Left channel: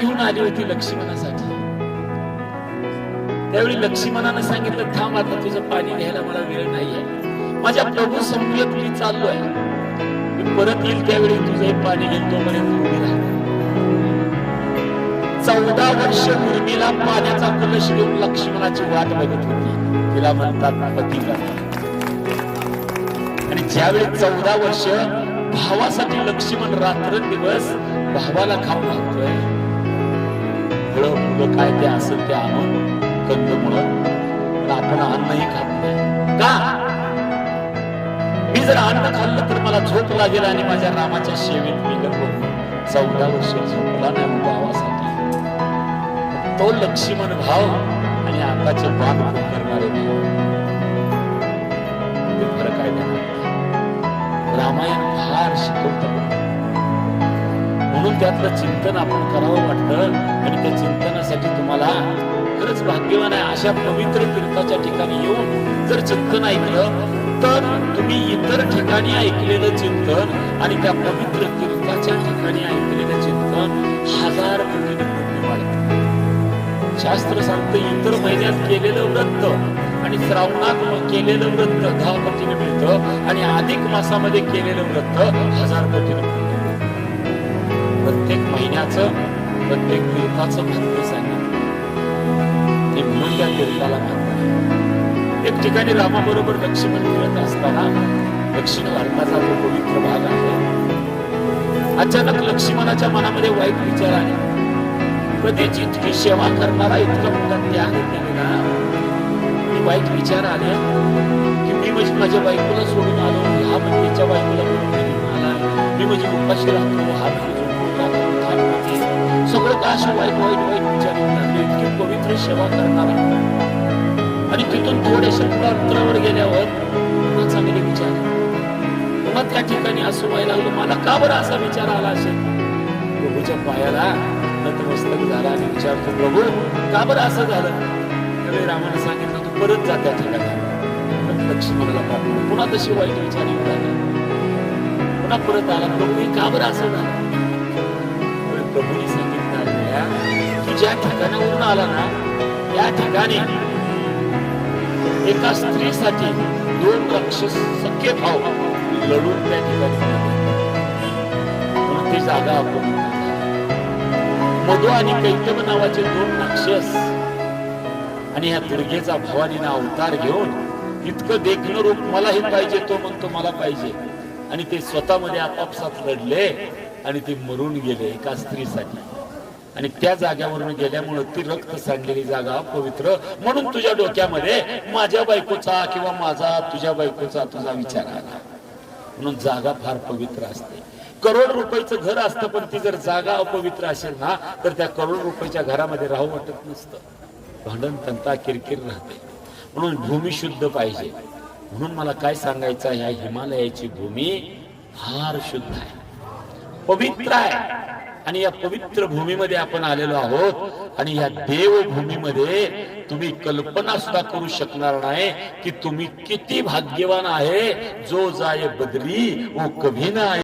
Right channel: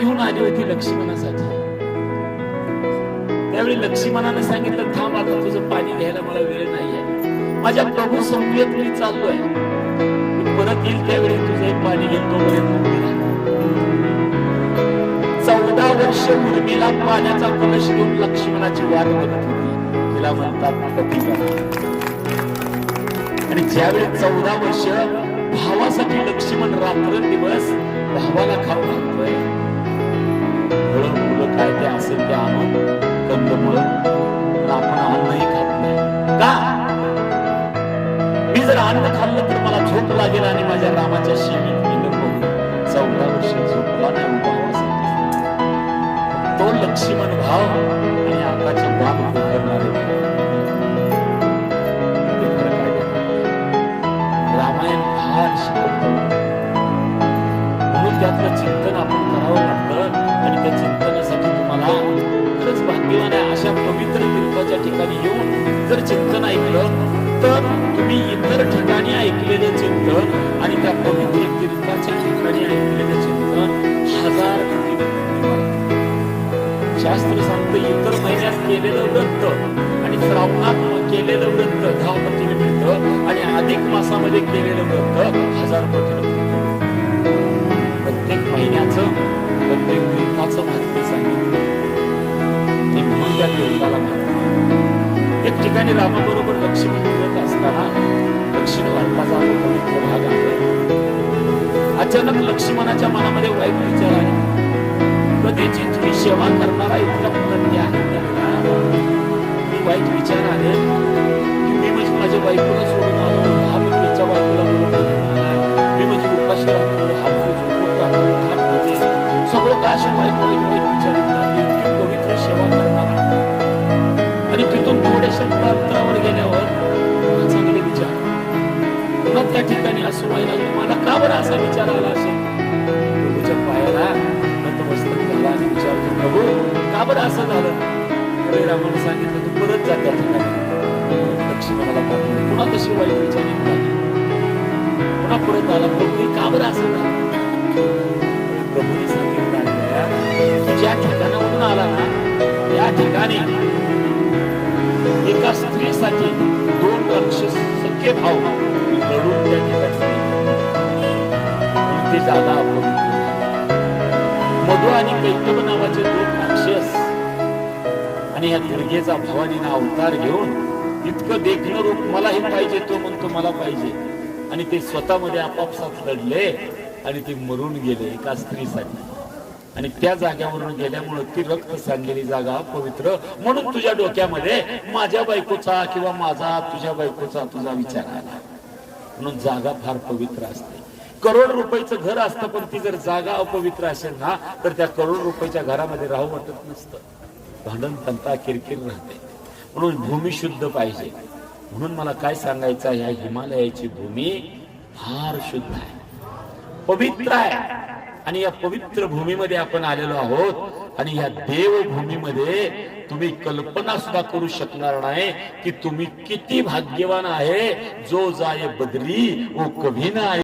घेऊन आली होती लक्ष्मणासाठी. त्यावेळी लक्ष्मणानं सांगितलं थांब आता तुझं पाणी घ्यायला मला वेळ नाहीये. माझ्या प्रभू समवेत मी चाललोय. मी परत येईल त्यावेळी तुझं हे पाणी घेतो पर्यंत चौदा वर्ष उर्मिला पाण्याचा कलश घेऊन लक्ष्मणाची वाट बघत होती. तिला म्हणतात पती आणि ज्यावेळी चौदा वर्ष भावासाठी लक्ष्मण रात्रंदिवस भावाला खाऊ लागतोय फळं फुलं काय ते असेल ते आणून कंदमुळं पण आपण अन्नही खात नाही. का? मी जर अन्न खाल्लं तर मला झोप लागेल आणि माझ्या रामाच्या सेवेत विलंब होईल चौदा वर्ष झोपला नाही भावासाठी तो लक्ष्मण भाव आणि आकाचे बाग करणारे फरक आहे रामायण फार शिकवतं. म्हणून त्यातलं चिंतन आपण करावं वाटतं आणि त्या चिंतनासाठी तुम्हाला खरंच भाग्यवान आहे. अशा पवित्र तीर्थाच्या ठिकाणी येऊन जर चिंतन ऐकलं तर तुम्ही इतर ठिकाणी ऐकलेलं चिंतन आणि त्या पवित्र तीर्थाच्या ठिकाणी ऐकलेलं चिंतन हजार शास्त्र सांगतं इतर महिन्यात केलेलं व्रत आणि श्रावणात केलेलं व्रत दहा पटीने मिळतं आणि अधिक मासामध्ये केलेलं व्रत हजार पटीने प्रत्येक महिन्याचं प्रत्येक दिवसाचं महत्त्व सांगितलं आणि म्हणून त्या देवताला महत्त्व एक ठिकाणी रामाबरोबर लक्ष्मण फिरत असताना दक्षिण भारताचा तो पवित्र भाग आहे अचानक लक्ष्मणाच्या मनामध्ये वाईट विचार आले. कधीची तुम्ही सेवा करणारा इतका मोठा त्याग केलेला वाईट विचार आले. की मी म्हणजे माझ्या बायकोला सोडून आलो. हा म्हणजे त्याच्या बायकोला मी म्हणजे उपाशी राहतो हात सगळं का असे वाईट वाईट वाईट विचार लागले इतकी पवित्र सेवा करणारा. आणि तिथून थोडेशा पुढे अंतरावर गेल्यावर पुन्हा चांगले विचार पुन्हा त्या ठिकाणी असं व्हायला लागलं मला का बरं असा विचार आला असेल? प्रभूच्या पायाला नतमस्तक झाला. आणि विचारतो प्रभू का बरं असं झालं? त्यावेळी रामाने सांगितलं तू परत जा त्या ठिकाणी. परत लक्ष्मणाला पाठवलं. पुन्हा तशी वाईट विचार पुन्हा परत आला प्रभू का बरं असं झालं? प्रभूने सांगितलं ऐकल्या, की ज्या ठिकाणावरून आला ना त्या ठिकाणी एका स्त्रीसाठी दोन राक्षस सख्य भाव लढून त्या ठिकाणी म्हणून ती जागा अपवित्र मधु आणि कैतव नावाचे दोन राक्षस आणि ह्या दुर्गेचा भवानीनं अवतार घेऊन इतकं देखणं रूप मलाही पाहिजे तो म्हणतो मला पाहिजे. आणि ते स्वतःमध्ये आपापसात लढले. आणि ते मरून गेले एका स्त्रीसाठी. आणि त्या जाग्यावरून गेल्यामुळे ती रक्त सांडलेली जागा पवित्र म्हणून तुझ्या डोक्यामध्ये माझ्या बायकोचा किंवा माझा तुझ्या बायकोचा तुझा विचार आला म्हणून जागा फार पवित्र असते. करोड रुपयाचं घर असतं पण ती जर जागा अपवित्र असेल ना तर त्या करोड रुपयाच्या घरामध्ये राहू वाटत नसतं. भांडण तंता किरकिर राहते. म्हणून भूमी शुद्ध पाहिजे. म्हणून मला काय सांगायचं ह्या हिमालयाची भूमी फार शुद्ध आहे. पवित्र आहे. आणि या पवित्र भूमीमध्ये आपण आलेलो आहोत. आणि या देवभूमीमध्ये तुम्ही कल्पना सुद्धा करू शकणार नाही की तुम्ही किती भाग्यवान आहे. जो जाय बदरी ओ कभी ना